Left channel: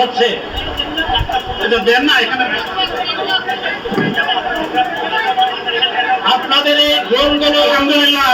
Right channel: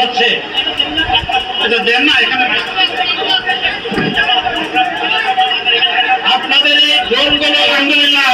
হচ্ছে। এটা দেন না এখানে। আপনাদের এই ড্রোনগুলো আলহামদুলিল্লাহ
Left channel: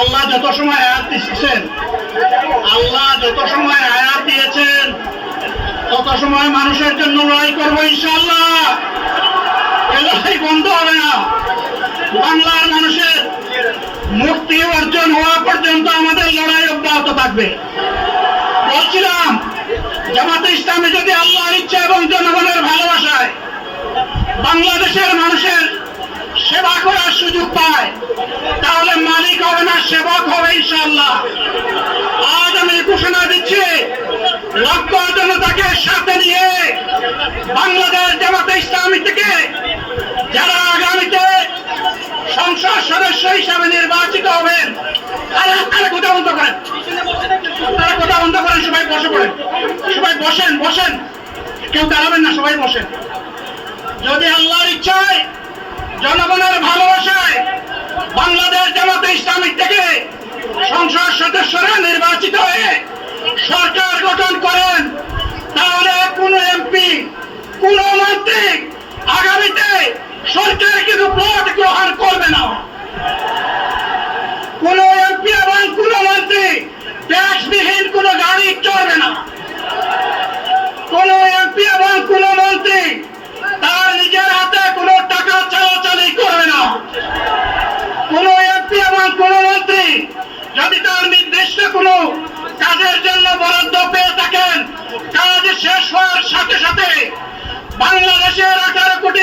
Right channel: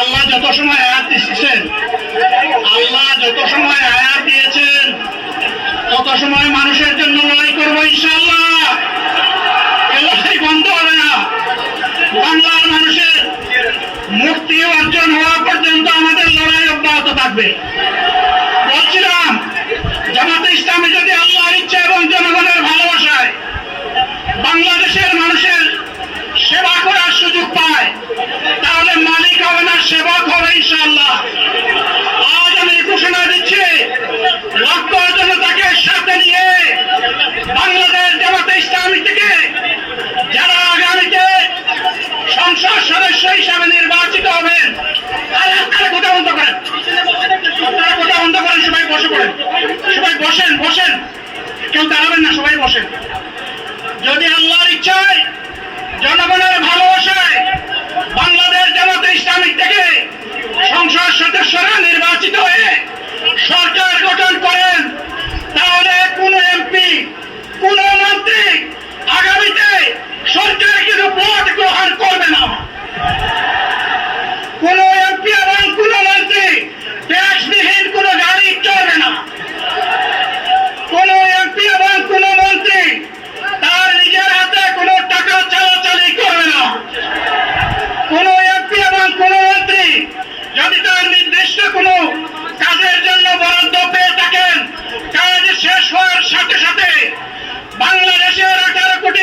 আল্লাহ যত সময় আয়াত দিচ্ছেন আল্লাহ যত সময় আয়াত দিয়েছেন, তত সময় মানুষের জন্য লড়াই করব ইনশাল্লাহ লড়াই বন্ধ হবে না। বাংলার মানুষের মুক্তি অর্জন হওয়া পর্যন্ত আমাদের লড়াই অব্যাহত থাকবে। ইসলামে যদি আল্লাহর ইচ্ছা এবং জনগণের ভালোবাসায় বাংলাদেশের মানুষের সেবা করার সুযোগ পায় তাহলে মালিক হবে না সেবক হবে ইনশাল্লাহ আজ আমি ঘোষণা দিচ্ছি লক্ষ জনতাকে সাথে নিয়ে বাংলাদেশ জামাতে ইসলামী থেকে যারা আগামীতে সংসদ সদস্য হিসাবে নির্বাচিত হবেন আরে আপনারা কথা বন্ধ করেন আপনারা কথা বন্ধ করেন সবাই বসে পড়েন সবাই বসেন বসেন। কেউ দাঁড়াবেন না, সবাই বসেন। যদি আল্লাহর ইচ্ছায়, জনগণের ভালোবাসায় বাংলাদেশ জামাতে ইসলামিক থেকে সংসদ সদস্যরা নির্বাচিত হয়ে সরকার গঠন করেন, তাহলে কোন এমপি, কোন মন্ত্রী আগামীতে সরকার কিন্তু ভোট গ্রহণ করবে না কোন এমপি এবং কোন মন্ত্রী ট্যাক্সবিহীন কোন গাড়ি চলবে না কোন এমপি এবং কোন মন্ত্রী তার নিজের হাতে কোনো টাকা চালাচালি করবে না কোন এমপি এবং কোন মন্ত্রী যদি তার নির্দিষ্ট কোনো কাজের জন্য বরাদ্দ পেয়ে থাকেন কাজ শেষ হওয়ার সাথে সাথে বাংলাদেশের আঠারো কোটি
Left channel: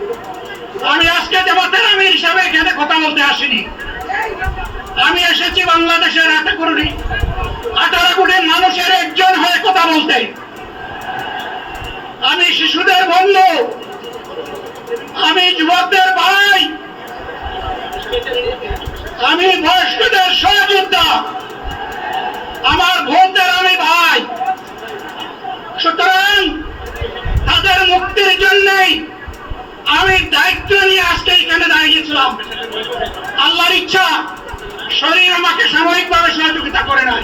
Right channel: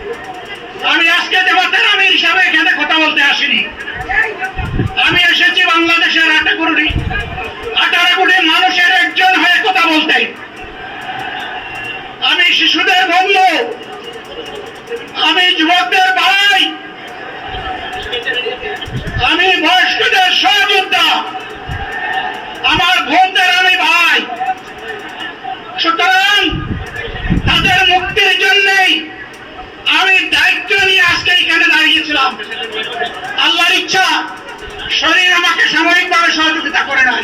আমি আজকে দেবতার আমি হিসাবে এখানে কথা বলতে আসিনি। আমি এসেছি বাংলাদেশের আঠারো কোটি আঠারো কোটি মানুষের একজন হয়ে কথা বলতে। আমি শিশুদের বন্ধু, আমি যুবকদের ভাই, আমি বয়স্কদের সহযোদ্ধা। আমার বোনদের আমি ভাই সুতরাং তাদের মুক্তির জন্যই আমি দায়িত্ব নিয়ে আজকে এখানে দাঁড়িয়েছিলাম আল্লাহর ইচ্ছা শরীর আমাকে সাময়িকভাবে সহযোগিতা করে নাই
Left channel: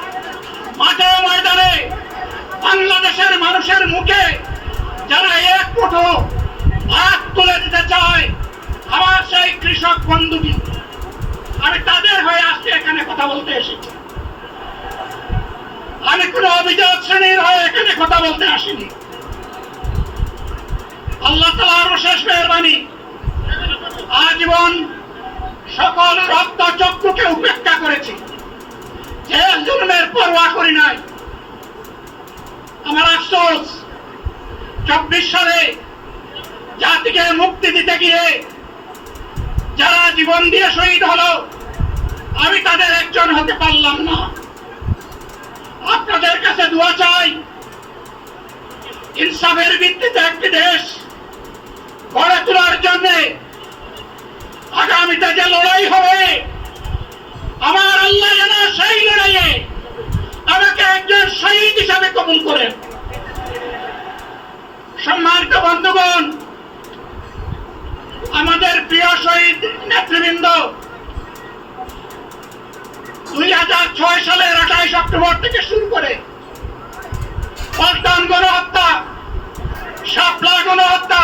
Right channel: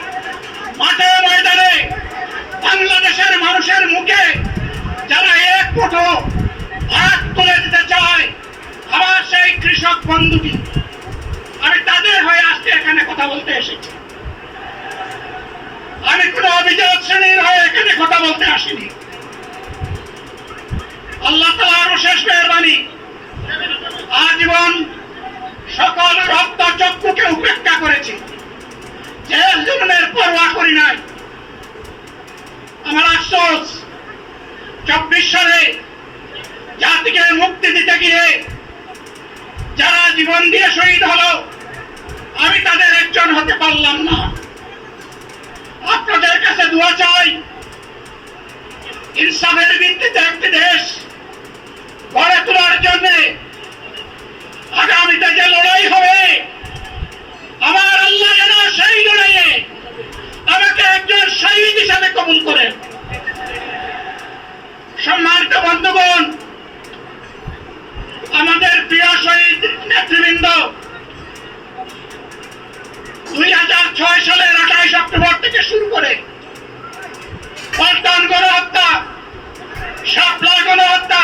বাংলাদেশের মানুষের মুখে যারা এক মুঠো ভাত তুলে দিতে চায় আমার সেই কৃষক বন্ধুটি। আমি তাদের হয়ে আজকে এখানে কথা বলতে এসেছি। আমি কোন অভিযোগ শ্রেণির হয়ে এখানে কথা বলতে আসিনি। আল্লাহ তালার শেষ মেহরবানি। আজীবন সকল রক্ত চক্ষুকে উপেক্ষা করেছি। জেল জুলুমের পরোয়া করি নাই আমার চব্বিশ সালে জাতিকে মুক্তি দিতে গিয়ে যারা জীবন দিয়ে শহীদ হলো, আমি তাদের একজন হতে পারলাম না। আপনাদের কাছে দোয়া চাই, ইনসাফের ভিত্তিতে একটি দেশ গড়ে তোলার জন্য আগামীতে যে লড়াই হবে, আমার আল্লাহ যেন সেই লড়াইয়ে আমাকে একজন শহীদ হিসাবে কবুল করেন। সম্মানিত বন্ধুগণ, আমাদের প্রিয় শহীদ নেতৃবৃন্দ, দুই হাজার ছয় সালের আঠাইশ অক্টোবর থেকে শুরু করে পাল্টান গণহত্যা, শাপলা গণহত্যা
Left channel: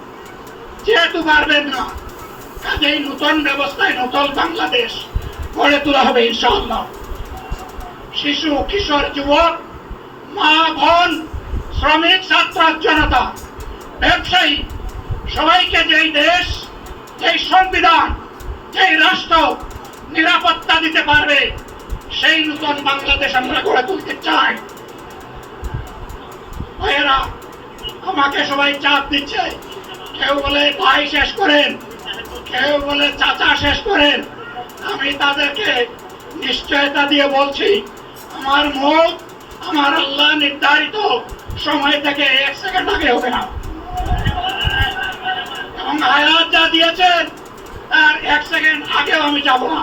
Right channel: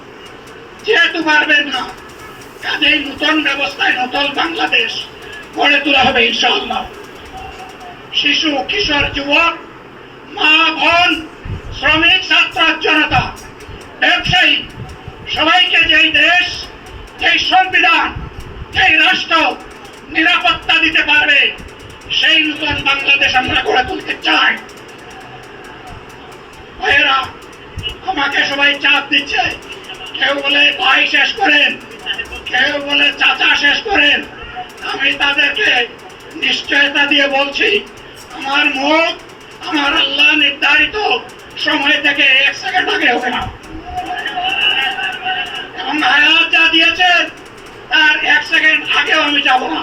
যেহেতু পারবেন না, কাজেই নতুন ব্যবস্থায় নতুন বাংলাদেশ গড়ে তোলা হবে ইনশাআল্লাহ। শিশু, কিশোর, যুবক, মা, বোন, শ্রমিক, ছাত্র, জনতা, ব্যবসায়ী, সবাইকে যেই দেশ, যেই সংবিধান, যেই রাষ্ট্র নিরাপত্তা দিতে পারবে, সেই নতুন বাংলাদেশ আমরা গড়ে তুলতে চাই। ভাইয়েরা, আমাকে সবাই চাপ দিচ্ছে। কেউ বলে ভাই শেষ করেন, কেউ বলে চাচা শেষ করেন। আমি তাদেরকে নিশ্চয়তা দিয়ে বলছি, আমার মুখ, আমার আল্লাহ নির্ধারিত সময় থেকে এক সেকেন্ড আগে হবে না। এবং হায়াত যা দিয়েছেন, তার এক সেকেন্ড আগেও আমি যাব না।